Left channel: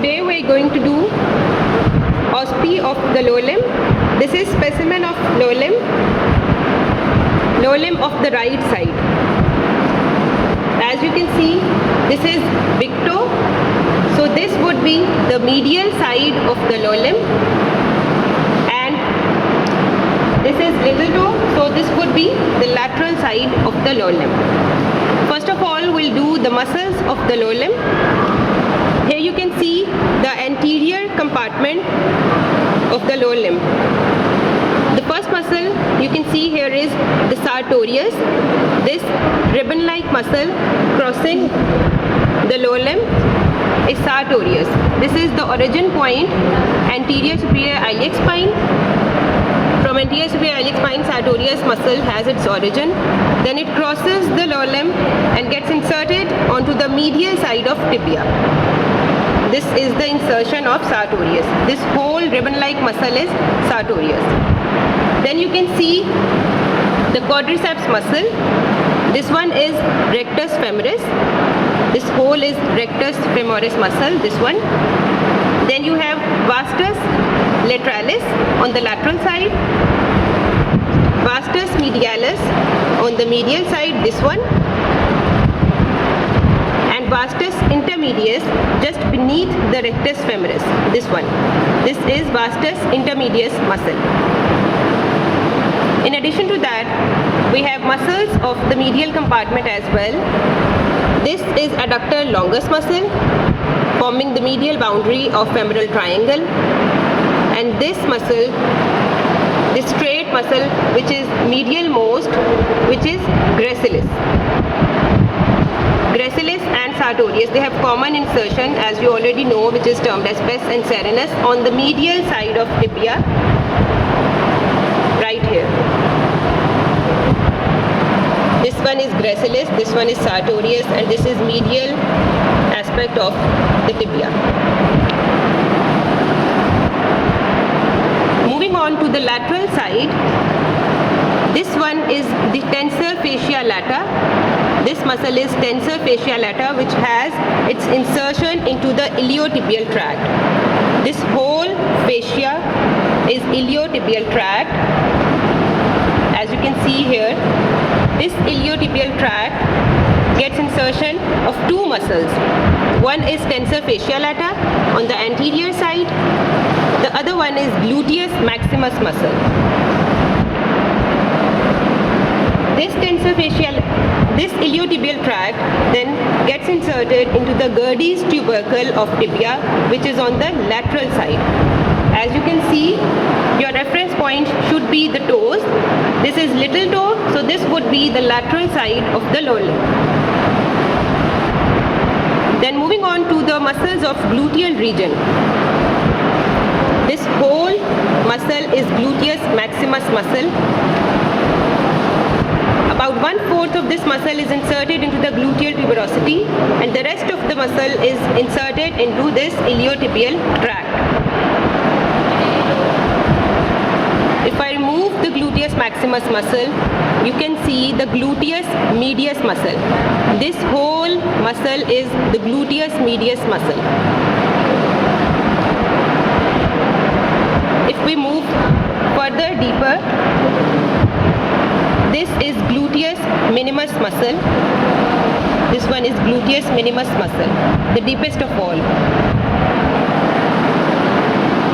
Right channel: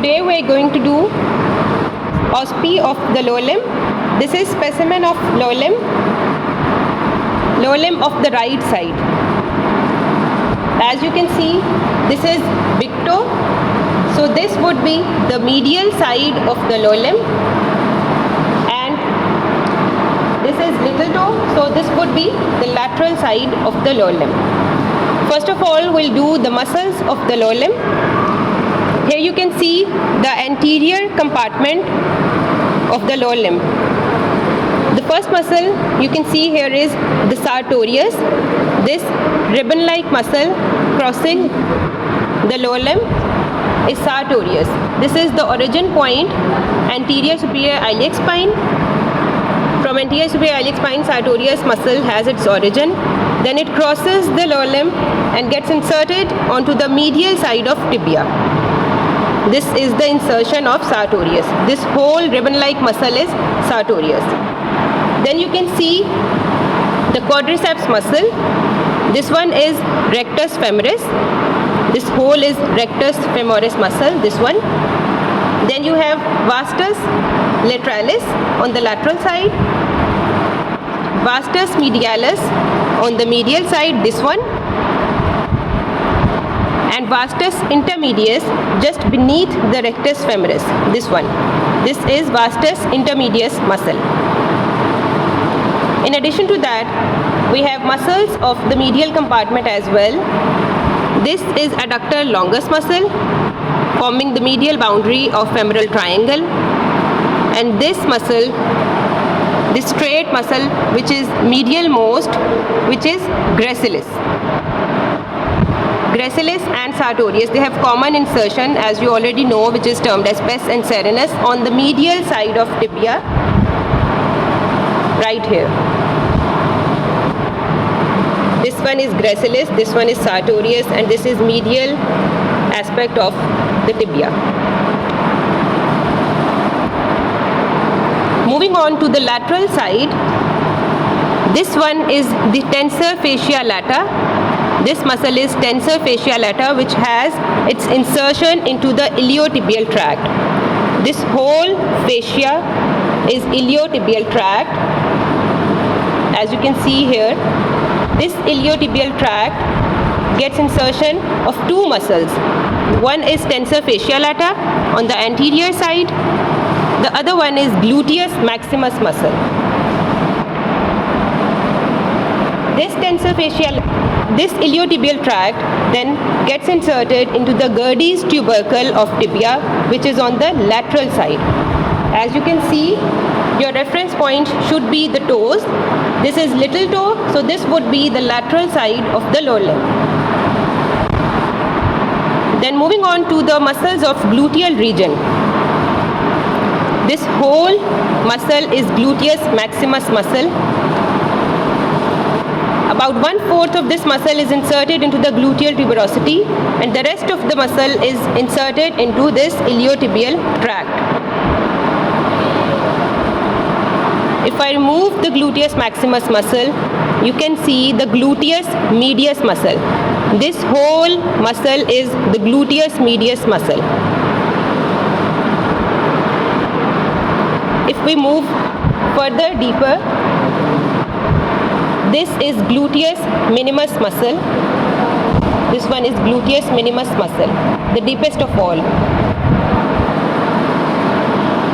today we are going to do OSPE of the lower limb. This is specimen of lower limb of the right side. As you can see, this is big toe. So this would be the medial side of the lower limb, and this is little toe. So this would be the lateral side of the lower limb. First of all, we'll do the muscles of the lower limb. Here you can see the anterior compartment of the lower limb. The first muscle you can see here is the sartorius. This ribbon-like muscle crossing the lower limb is sartorius. This is the origin point, anterior superior iliac spine. From anterior superior iliac spine, sartorius muscle has its origin. Then it crosses the lower limb and gets inserted onto the medial side of tibia. This is the insertion of sartorius. This whole ribbon-like muscle is sartorius. Then you can see the quadriceps muscle. This one is rectus femoris. This whole is rectus femoris muscle, this one. Then you have vastus lateralis on the lateral side. Vastus medialis on the medial side, this one. And vastus intermedius just beneath the rectus femoris, this one. This is vastus intermedius muscle. In addition to that, we have muscles of the medial compartment as well. This is adductor longus muscle, forming the medial boundary of femoral triangle. And this muscle, this straight muscle, which is medial most, which is gracilis. Gracilis and sartorius, they have common insertion, as you already know, which is termed as pes and serenus on the medial side of tibia, right here. This one is gracilis, this one is sartorius, and this is medial aspect of the tibia. Moving on to the lateral side, this one is the tensor fascia lata. This muscle is tensor fascia lata, which has its insertion into the iliotibial tract. This whole fascia is iliotibial tract. As you can see here, this iliotibial tract gets insertion of two muscles. One is tensor fascia lata on the anterior side. The other one is gluteus maximus muscle. This iliotibial tract then gets inserted into the Gerdy's tubercle of tibia, which is on the lateral side. As you can see, your reference point should be the toes. This is little toe, so this would be the lateral side of the lower limb. Then moving on to the muscles of gluteal region. This whole muscle is gluteus maximus muscle. About 1/4 of this muscle is inserted into the gluteal tuberosity, and the rest of the muscle is inserted into this iliotibial tract. If I remove the gluteus maximus muscle, you can see the gluteus medius muscle. This whole muscle is the gluteus medius muscle. If we move further deeper, this is gluteus minimus muscle. This one is gluteus minimus muscle, the deepest of all.